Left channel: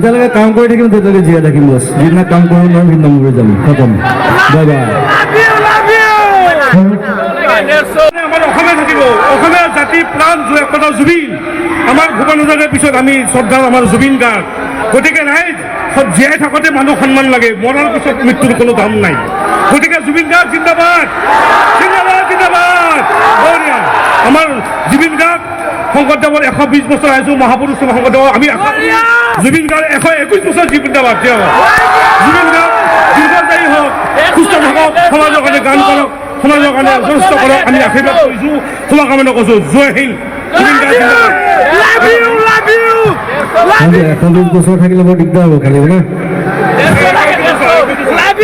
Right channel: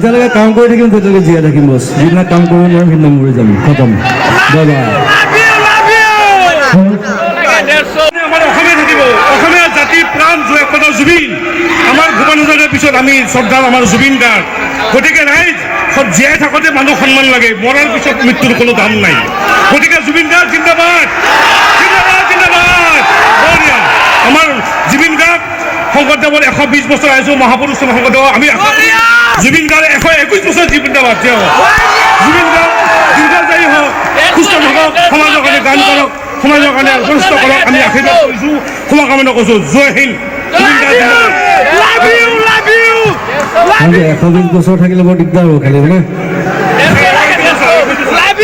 যেতিয়ালৈকে কাম কৰি থাকিম তেতিয়ালৈকে জীয়াই থাকিম বছ। যিদিনা কাম কৰিব নোৱাৰিম সিদিনা মৰি যাম। খতম। Bye bye. আমাৰ অসমে থাকিব, অসমীয়া জাতিৰ প্ৰাণ একমাত্ৰ জুবিন। আমাৰ ভূপেন হাজৰিকাৰ পিছত আমি শ্ৰদ্ধা আমাৰ জুবিন গাৰ্গ। গতিকে ৰাইজ জীয়াই থাকোঁতে মানুহ সন্মান লাগে, মৰাৰ পিছত মৃত্যুৰ কোনো দাম নাই। গতিকে জুবিন গাৰ্গ জিন্দাবাদ, জিন্দাবাদ, জিন্দাবাদ। আমাৰ জুবিন গাৰ্গ শংকৰদেৱৰ 120 বছৰ আহিছোঁ, মহাপুৰুষ শংকৰদেৱ আমি জুবিন গাৰ্গ 121 বছৰ জিন্দাবাদ। তেওঁ জুবিন গাৰ্গ দীৰ্ঘস্থায়ী হওক, সুস্থ থাকক, সমাজৰ কাৰণে গান কৰক, সমাজৰ কাৰণে কষ্ট কৰক। আমি আশীৰ্বাদ কৰিছোঁ, ক্ষমা কামনা কৰিছোঁ। জয় হিন্দ। জুবিন গাৰ্গ জিন্দাবাদ। 120 বছৰ থাকিলে বৰ দিগদাৰ হ'ব খালি মানে।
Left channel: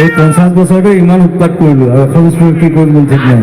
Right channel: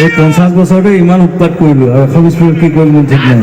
এই 50 বছৰতে ইমান উৎপাত কৰিলোঁ আৰু 120 বছৰ কি কৰিম ঠিক নাই।